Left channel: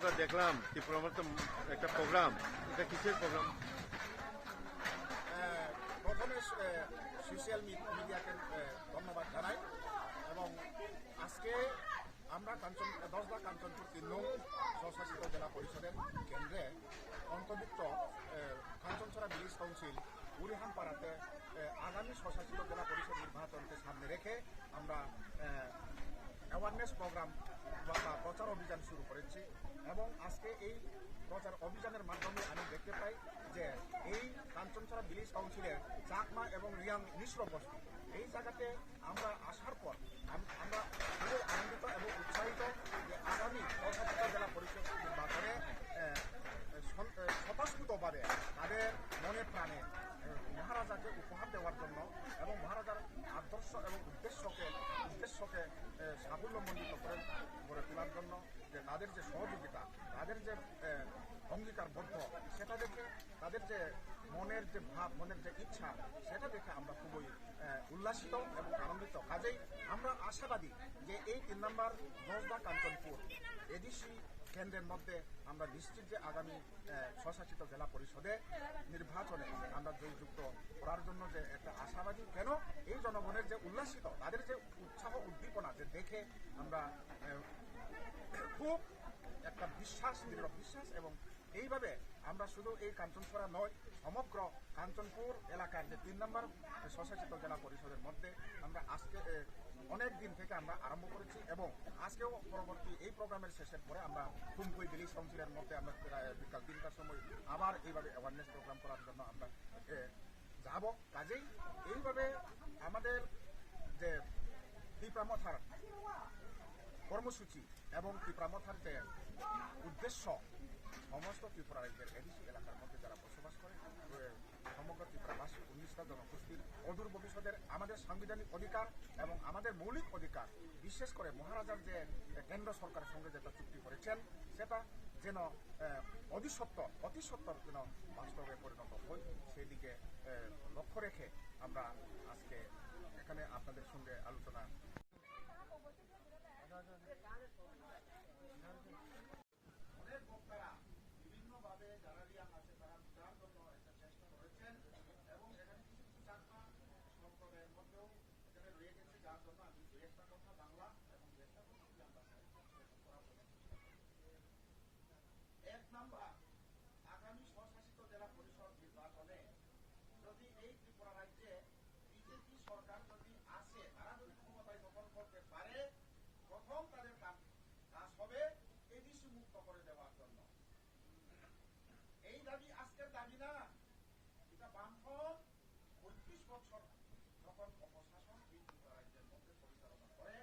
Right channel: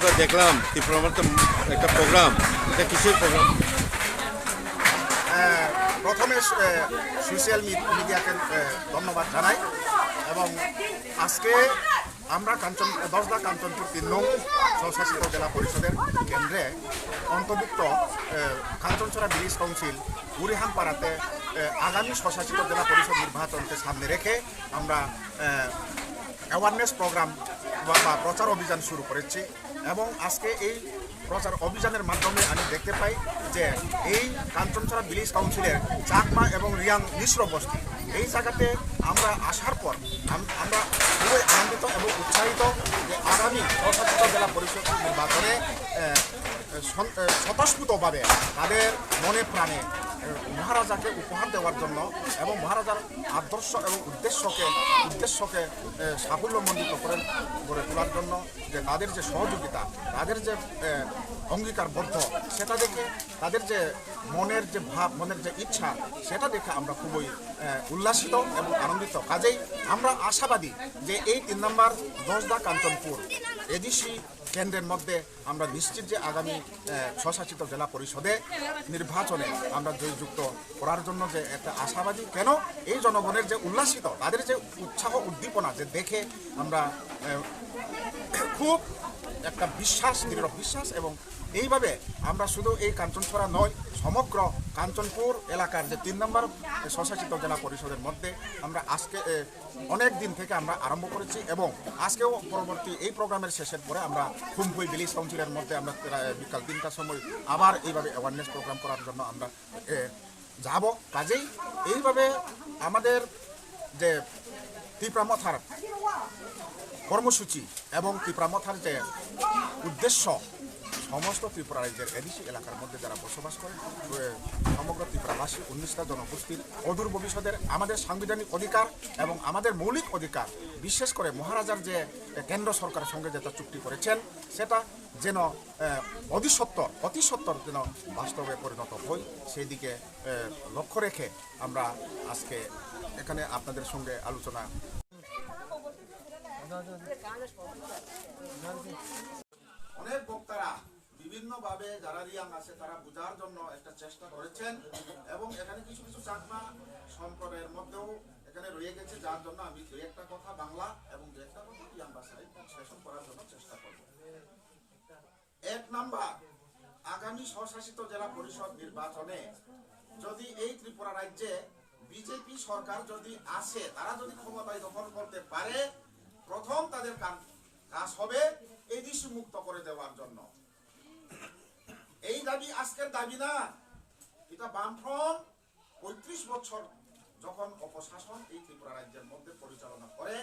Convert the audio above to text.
আমরা দেখলাম ত্রিপুরাতে একটা প্রোগ্রাম, এটা কিসের প্রোগ্রাম? প্রথমে সোশ্যাল মিডিয়াকে ধন্যবাদ জানাই এবং আজকে আমরা দশদা কাঞ্চনপুর ৩ নং স্বশাসিত জেলা পরিষদের কেন্দ্রে অন্তর্ভুক্ত কাঞ্চনছড়া ভিলেজ কাউন্সিল বুড়িহানপাড়াতে আগামী স্বশাসিত জেলা পরিষদ নির্বাচনকে সামনে রেখে আমরা অ্যাওয়ারনেস প্রোগ্রাম বা প্রচার অভিযান শুরু করেছি এবং আজকে এই প্রচার অভিযানের মাধ্যমে আমি দেখতে পাই যে এই কাঞ্চনছড়া ভিলেজ কাউন্সিলের চাকমা এবং রিয়াং মিশ্র বস্তি এই জায়গাতে আমরা আসার পর আমরা খুবই আনন্দিত এবং উৎসাহিত যে আগামী স্বশাসিত জেলা পরিষদ নির্বাচনে স্বতঃস্ফূর্তভাবে তাদের মনে প্রাণে মহারাজাকে উপহার দেওয়ার জন্য এবং মহারাজার আদর্শ এবং উদ্দেশ্যকে সাফল্যমণ্ডিত গড়ে তোলার জন্য যে তাদের যে সহযোগিতা, তাদের যে অঙ্গীকারবদ্ধ, সেটা দেখে তাদের যে মনের যে ভাব, মনের যে ইচ্ছা, সেটা দেখে আমরা খুবই উল্লাসিত এবং আনন্দিত। কাজেই আমরা আশাবাদী যে এই ৩ নম্বর দশদা কাঞ্চনপুর এডিসি কেন্দ্রের মধ্যে আমরা নিশ্চিত যে আগামী স্বশাসিত জেলা পরিষদে নির্বাচনে আমরা জয়যুক্ত করার জন্য যে একটা আশাবাদী। কেন এই জনগণের যে উল্লাসিত, তাদের যে উৎসাহ উদ্দীপনা যে দেখে আমরা খুব একটা দৃঢ় বিশ্বাস এবং এইভাবে আমরা শুধু এই কাঞ্চনছড়া নয়, সমগ্র কাঞ্চনপুর এলাকার যে ৩ নম্বর স্বশাসিত জেলা পরিষদের মধ্যে আমরা আজকে অনেক দিন থেকে আমরা আরম্ভ করেছি এবং আজকেও পরবর্তী এই প্রোগ্রামের শেষের পরে আমরা খুমপুই ভিলেজ কাউন্সিলের মধ্যে আমরা বিকাল ৩টার সময় আবার এইভাবে অ্যাওয়ারনেস প্রোগ্রাম করার জন্য আমরা যাব। কাজেই এইভাবে আমাদের যে ত্রিপুরামথার কর্মসূচি এবং ত্রিপুরামথার যে উদ্দেশ্য, সমস্ত ত্রিপুরা রাজ্যের এডিসি এলাকার মধ্যে যারা বসবাস করে সমগ্র ত্রিপুরাবাসী 19টা জনগোষ্ঠীর অদূর ভবিষ্যতের আমাদের সাংবিধানিক অধিকার এবং আমাদের মৌলিক অধিকার, বিশেষ করে মহারাজার যে কেন্দ্র সরকারের সঙ্গে যেটা চুক্তি করেছেন, সেটা যেন অতি সত্বর যেন বাস্তবে পরিণত হয়, সেই দিকে লক্ষ্য রেখে আমরা আজকে এখানে আপনাদের সঙ্গে আলোচনা। অনেক বক্তারা বিভিন্নভাবে যারা রিয়াং আছে তারা বোঝার জন্য একটা চেষ্টা করেছেন এবং এখানে কিছু কিছু চাকমা সম্প্রদায়ের মধ্যেও এখানে রয়ে গেছে, যার জন্য আমি দু একটা কথা বাংলা এবং দু একটা কথা রিয়াং ভাষায় বিশ্লেষণ করার জন্য চেষ্টা করব। ১ নাম্বার, আগামী স্বশাসিত জেলা পরিষদ নির্বাচনে যদি এই ত্রিপুরা রাজ্যে বিজেপি সরকার যদি আসে, তারা যদি ক্ষমতায় দখল করতে পারে, প্রথম তাদের কাজ হবে এডিসি মুক্ত করে দেওয়ার জন্য। এই দাবি আজকের দাবি না, এটা বামফ্রন্ট ৩৫ বছর যখন অপশাসন এই ত্রিপুরা রাজ্যের মধ্যে পরিচালনা করে